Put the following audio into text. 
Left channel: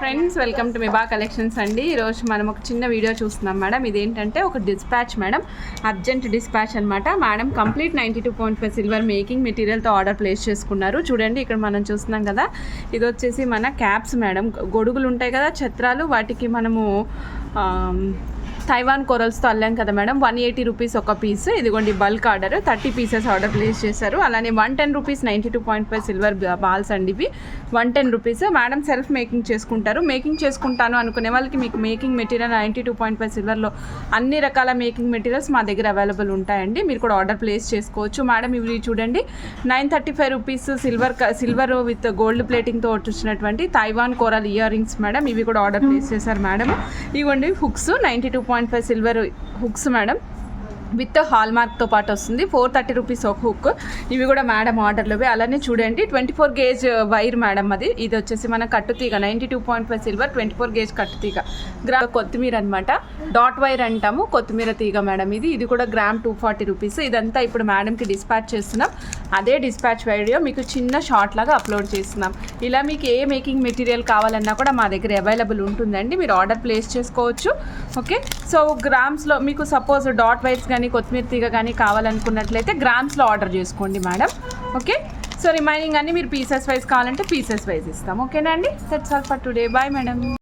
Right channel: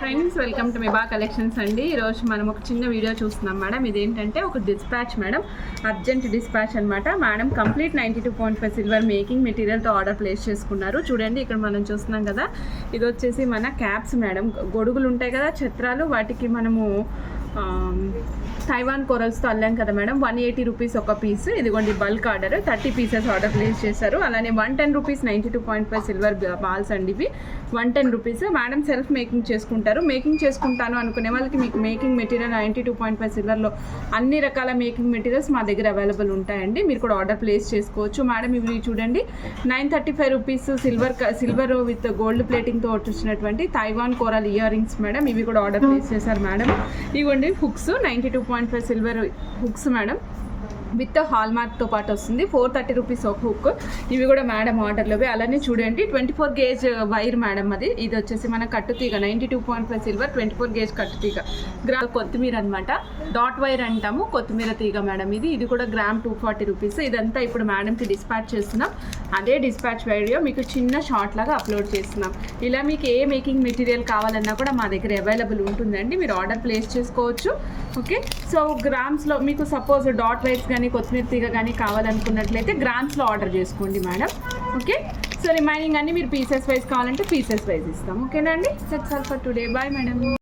Friends welcome to మిబా collections అండి. ఈరోజు మనం ఒక చిన్న వీడియో చూస్తున్నాం మేడం. ఇదేంటంటే ఒక డిస్పాచ్ మేడం, అర్జెంట్ డిస్పాచ్ అనమాట. మేడం కంప్లీట్ 92.5 సిల్వర్ మేకింగ్ మెటీరియల్తో ఆర్డర్ ప్లేస్ చేసుకున్నారు. చూడండి ఇక్కడ మనం చూస్తున్నాం కదా, ఇది వచ్చేసి మన క్యాప్స్ మేడం. గొడుగులు ఉంటాయి కదా, ఛత్రాలు, వాటికి మనము తైవాన్ కొరల్స్తో అల్లాం కదా మేడం. 180 రూపీస్ ఒక పీస్. ఇదిగోండి bulk order, 30 pieces order place చేశారు. అలానే 110 రూపీస్ 92.5 సిల్వర్ బాల్స్ అండి. ఇవి 110 రూపీస్. మేడం సెల్ఫ్ మేకింగ్ చేసుకుంటారు. మేకింగ్ చేసుకుంటాను అనుకునే వాళ్ళకి మీకు మేకింగ్ మెటీరియల్ 92.5 సిల్వర్లో అన్ని రకాల మేకింగ్ మెటీరియల్స్ మా దగ్గర అవైలబుల్ ఉంటాయండి. మీరు కూడా ఆర్డర్ ప్లేస్ చేసుకోవచ్చు. మేడం ఇవి చూడండి, 935 రూపీస్ సిల్వర్ విత్ గోల్డ్ ప్లేటింగ్తో వచ్చినటువంటి Taiwan coral ear rings madam. ఇవి కూడా ఆర్డర్ ప్లేస్ చేశారు మేడం. ఇవ్వండి hooks, 92.5 silver hooks madam, with హాల్ మార్క్తో పాటు వస్తుంది. 430 రూపీస్ ఒక హుక్. ఇవి కూడా మేడం ఆర్డర్లోవి. అలానే చూడండి 24 గేజ్ వైర్ మేడం. ఇది వచ్చేసి మన కట్టుతీగ, 92.5 సిల్వర్ 24 గేజ్ కట్టుతీగ. కొత్తిమీర అనమాట, డాట్ వైర్ అంటాము, కొత్తిమీర తీగ మేడం. ఇది కూడా గ్రామ్ 240 రూపీస్. ఇదంతా ఇప్పుడు మేడంకి డిస్పాచ్ చేస్తున్నాం. అదే డిస్పాచ్ వీడియో మీకు చిన్న షార్ట్ లాగా అప్లోడ్ చేస్తున్నాం. ఇలా మీకు ఏ మేకింగ్ మెటీరియల్ కావాలన్నా కూడా మా దగ్గర అవైలబుల్ ఉంటుందండి. మీరు ఆర్డర్ ప్లేస్ చేసుకోవచ్చు. ఓకే, సో గ్రామ్స్లో మీకు సపోజ్ డాట్ వైర్స్ కానీ కొత్తిమీర తీగ కానీ కావాలనుకున్నట్లయితే గ్రామ్స్లో ఆర్డర్ చేసుకోండి మేడం. ఓకే, సో రిమైనింగ్ అన్ని మీరు పీసెస్ వైజ్ కావాలంటే పీసెస్ వైజ్ ఇస్తాం. ఓకేనా అండి? That's all for today. Bye madam.